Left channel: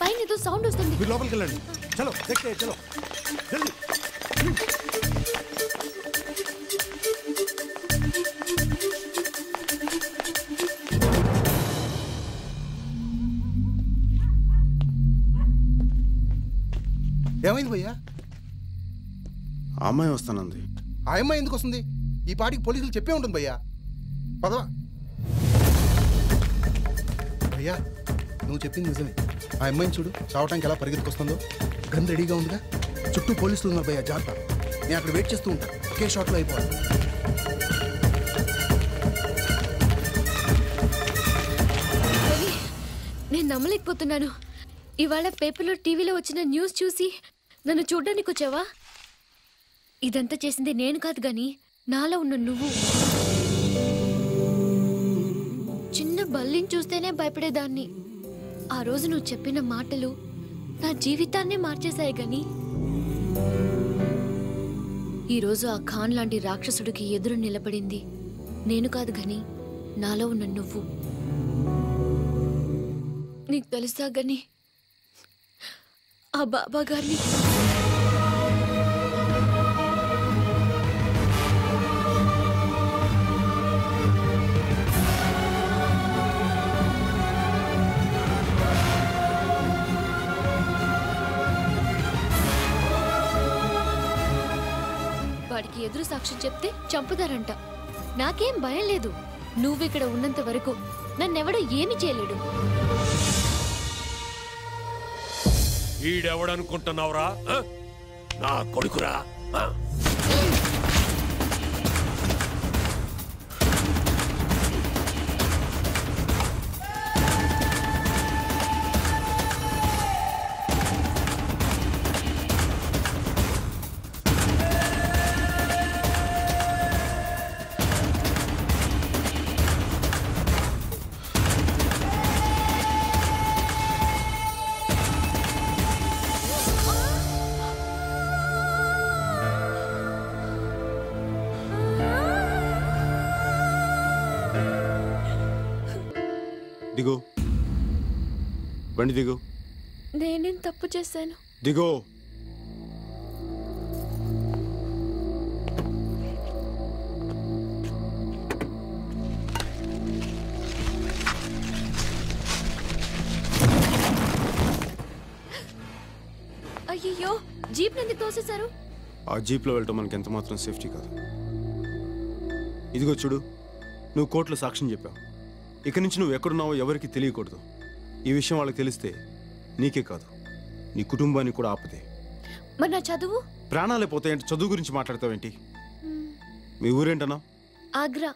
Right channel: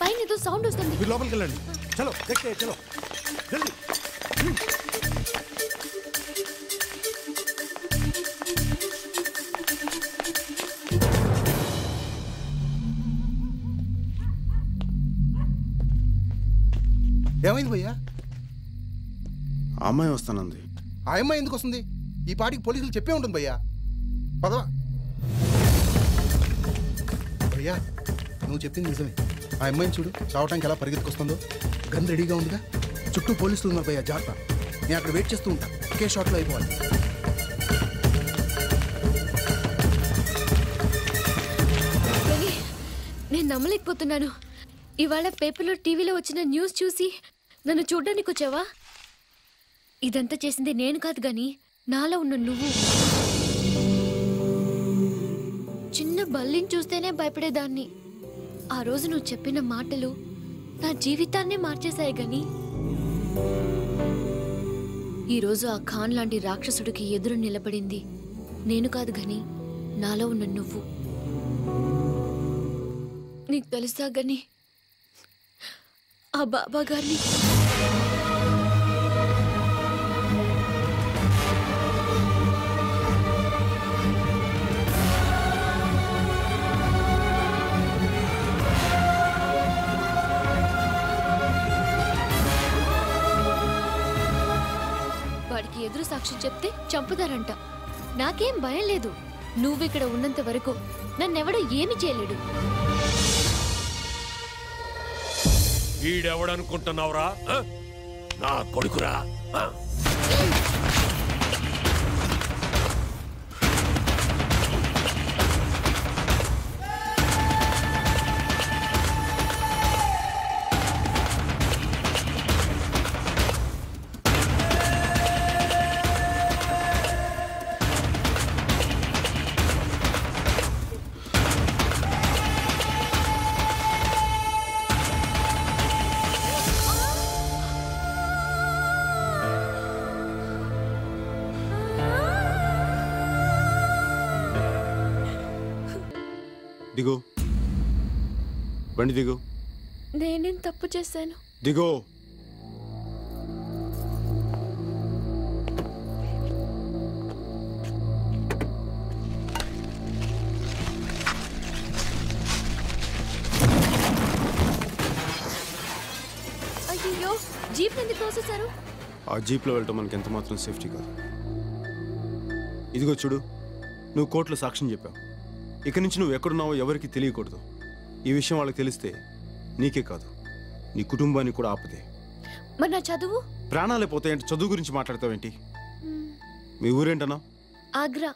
పైన ఏదో సౌండ్ వస్తుంది. మీరు లోపలికి వెళ్ళండి. చలో देखते चलो जल्दी. ఏమైంది భయ్యా? ఆ అమ్మాయి వస్తానంది. ఆ అమ్మాయి ఎందుకు వస్తుంది? ఈ పాటికి పోలీసులు చెప్పే ఉంటుంది భయ్యా. పదవా భయ్యా, నువ్వు చెప్పింది నిజమే. ఆ అమ్మాయిని చూడు, చావటానికి ఎలా పరిగెత్తుకొస్తుందో. గన్ రెడీగా ఉందిగా. చుట్టూ పోలీసులు ఉన్నారు భయ్యా, జాగ్రత్త. నేను అక్కడ వెయిట్ చేస్తూ ఉంటా, ఒకే షాట్లో అయిపోవాలి. నేను నమ్మలేకపోతున్నాను. ఇవాళ పేపర్లో టీవీలో వచ్చిన న్యూస్ చూసి నన్ను చూడ్డానికి వచ్చావా? ఇదంతా చేసింది నేను కాదు గాని నాలో ఉన్న నువ్వు. చిన్న బల్లిని చూస్తేనే భయపడేదాన్ని. ఆ రోజు నువ్వు చెప్పిన మాటలు నా జీవితాన్నే మార్చేశాయి గాని ఈరోజు ఆ ఖాన్ లాంటి రాక్షసుడికి ఎదురు నిలబడింది నేను కాదు గాని నాలో ఉన్న నువ్వు. నీకు తెలుసా గాని ఆ బాబా గారిని వాడికి ఎదురు సాక్ష్యం చెప్తే చంపుతారంట. నాకేం భయం లేదు. నువ్విక్కడ ఉన్నంత వరకు నన్నెవడో ఏమి చేయలేడు. ఈడెవడనుకుంటున్నావురా? నా కొడుకురా. దిగో, బండి దిగో. నేనేం తప్పు చేశాను? దిగో. అయ్యో, జీప్ ఎందుకు తోసేశారు? ఆ జీప్లో వెళ్ళటం మనకి ఎంత మాత్రం సేఫ్టీ కాదు. ఇదిగో చూడు, నువ్వు కోర్టులో సాక్ష్యం చెప్పావు. ఇక నుంచి నువ్వు ఎక్కడున్నావో ఎవరికి తెలియకూడదు. ఈ విషయం వాళ్ళకి తెలిస్తే నీకే కాదు, నీ కుటుంబానికి కూడా ఆపదే. మరి నా చదువు? ప్రాణాలే పోతాయంటే చదువు గురించి మాట్లాడతావేంటి? మీ ఊరేంటన్నా? ఆగ్రా.